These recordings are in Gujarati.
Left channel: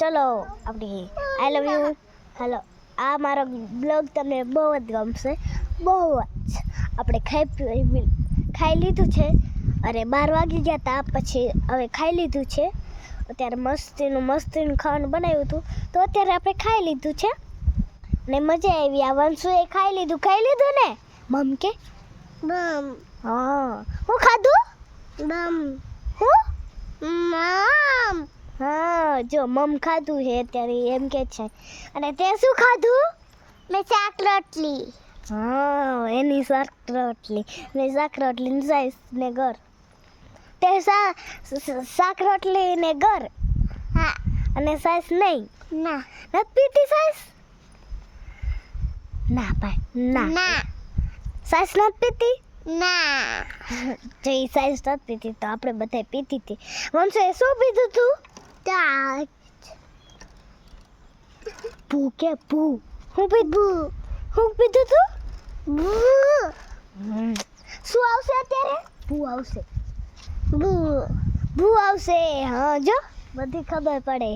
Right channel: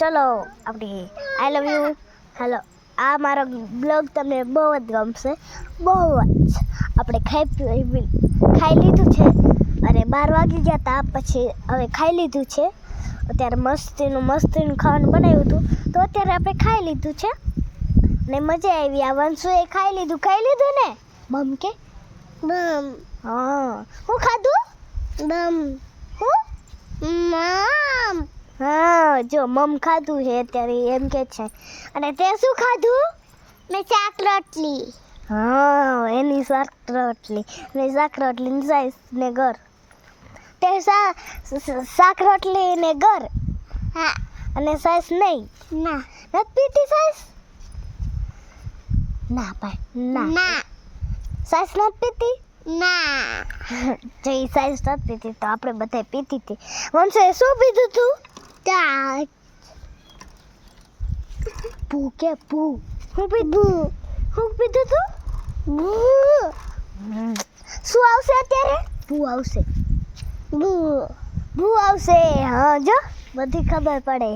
ચલો આપણી આઈ લવ યુ હેલો આ મારો બ્લોગ તમને બહુ જ ગમશે બહુ જ આપણે ખાઈ લીધું છે અરે 12 વાગી ગયા હતા પછી હવે ખાઈ લીધું છે અત્યારે મસ્તીનું ખાવાનું બનાવ્યું હતું તો અત્યારે આપણે ખાઈ લીધું છે ને મજા આવી આ વંશુએ ખાઈ લીધું ને બમ કે બમ હા હું ખાધું બમ હું મમ હા જો મમ ખાધું છે અત્યારે એમ કે છે અને તે શું ખાધું મેં શાક રોટલી હા એની શાક રોટલી ની સાઈઝ ને ઘર તે શાક રોટલી ને ઘર હા અને સાઈઝ નહીં ના નથી પીતી સાઈઝ ના ભાઈ ના સાઈઝ નથી પીતી ના જે સાઈઝ નથી પીતી તો આપણે બધા પીતી હતી વંશે શું પીધું તું ભૂ કે ભૂ હું પીધું તું શું આવશે અત્યારે ભૂ આવશે હા જો બધી ખબર પડે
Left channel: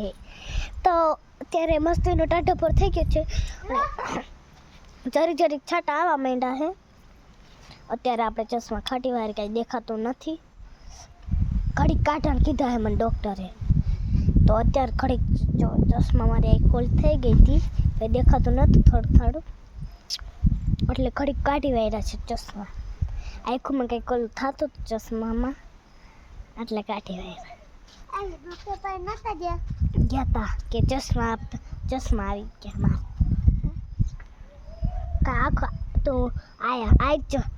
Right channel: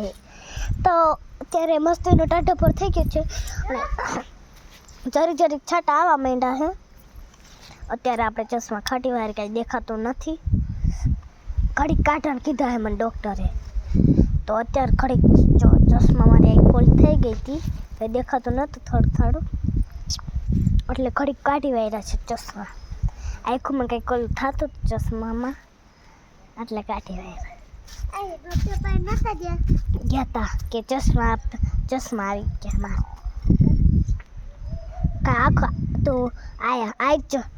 તો અત્યારે મસ્તીનો ટાઢો પર થઈ ગયો છે જરીક છાંટા આવવા માંડ્યા છે અત્યારે આપણે ચશ્મા ખાટી વાર કાંઈ દેખાતું નથી ઘડીક કાઢવાનું કીધા હે મને ડૉક્ટરે તો અત્યારે ઘડીક જો ચશ્મા મારી આંખ ફોલ થઈ ગઈ હતી કંઈ દેખાતું નહોતું થોડું એટલે ઘડીક કાઢી વાળ્યા છે ચશ્મા આંખોમાં કંઈક ઓલું થતું ચશ્મામાં એટલે કાઢી વાળ્યા ગયા તા કે ચશ્મા આવી ગયા મારા આખા તો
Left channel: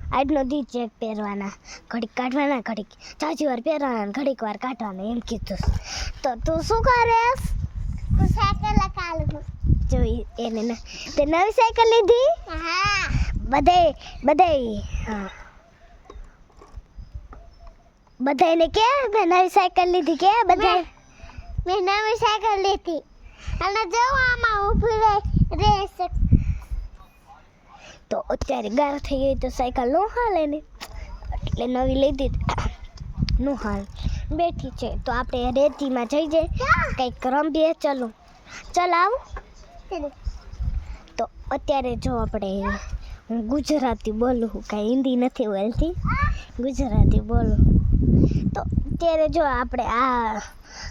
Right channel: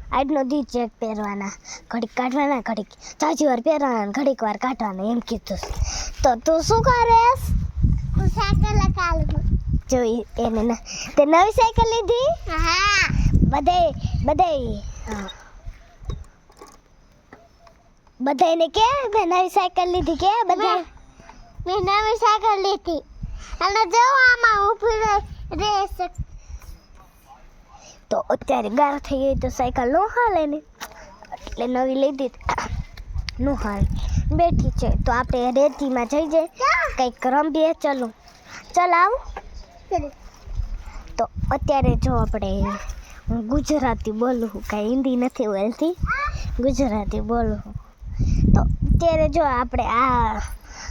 આજનો દી ચેક પહેરવાના ઘડીક કાઢવાના ઘડીક ચાચી વાર પહેરવાના ઘડીક વાર કાઢવાના એમ કીધું તો તું શું કરેશ હું સાયકલ કાઢું જોઈ એને ના તે નવી સાયકલ લીધી હા બધાને કે નવી સાયકલ લીધી કે બધા મેં નવી સાયકલ લીધી અને જો આમાં ઊભી રેસ તો અત્યારે ગાળ થઈ ગઈ તો સાયકલ નો હાલે ને એટલે નવી લઈ દીધી નો હાલ બેઠી છે તો આપણે રેતીમાં જઈ જાય કંઈક રમીએ ચાલ આવું તો અત્યારે જો આપણે હું ગુજરાતી બોલું કાંઈ હિન્દી નથી બોલતી ગુજરાતી બોલું તો અત્યારે જો આપણે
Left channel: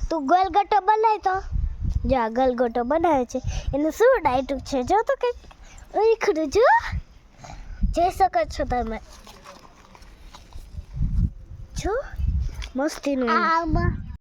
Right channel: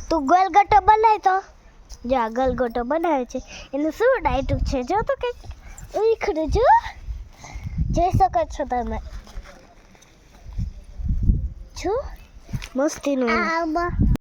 તું ગલગોટો બનાય તો જો આ ગલગોટો બનાવે છે એનું શું ડાયટું છે જો તો કંઈક ઉખડું જો જઈ શકો છો તમે જો મસ્તીનું